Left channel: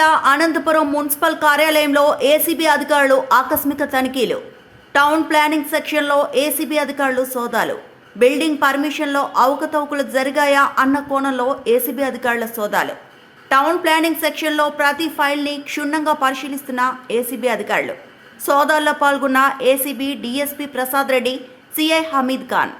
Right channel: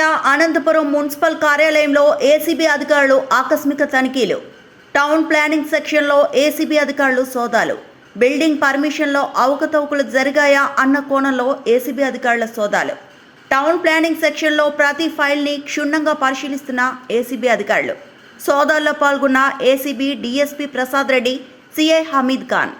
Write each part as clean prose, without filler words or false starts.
జిల్లా అనంతపురం మున్సిపల్ కార్యాలయంలో ఏసీబీ అధికారులు ఆకస్మిక తనిఖీలు. టౌన్ ప్లానింగ్ సెక్షన్లో ఏసీబీ అధికారులు సోదాలు. బిల్డింగ్ పర్మిషన్లో అవకతవకలు జరిగాయా అన్న కోణంలో ఏసీబీ అధికారుల సోదాలు. టౌన్ ప్లానింగ్ సెక్షన్లో ప్రతి ఫైల్ని క్షుణ్ణంగా పరిశీలిస్తున్న ఏసీబీ అధికారులు. సోదాల్లో పాల్గొన్న ACB DSP Prasad Reddy, CI Hameed Khan.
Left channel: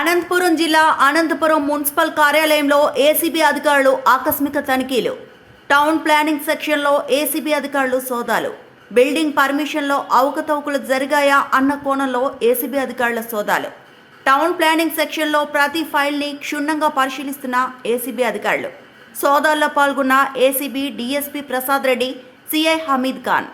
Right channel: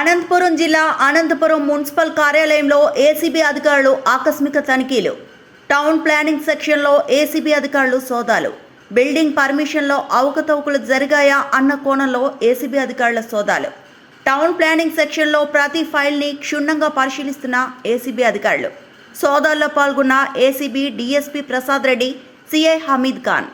Anantapuram జిల్లా అనంతపురం మున్సిపల్ కార్యాలయంలో ఏసీబీ అధికారులు ఆకస్మిక తనిఖీలు. టౌన్ ప్లానింగ్ సెక్షన్లో ఏసీబీ అధికారులు సోదాలు. బిల్డింగ్ పర్మిషన్లో అవకతవకలు జరిగాయా అన్న కోణంలో ఏసీబీ అధికారుల సోదాలు. టౌన్ ప్లానింగ్ సెక్షన్లో ప్రతి ఫైల్ని క్షుణ్ణంగా పరిశీలిస్తున్న ఏసీబీ అధికారులు. సోదాల్లో పాల్గొన్న ACB DSP Prasad Reddy, CI Hameed Khan.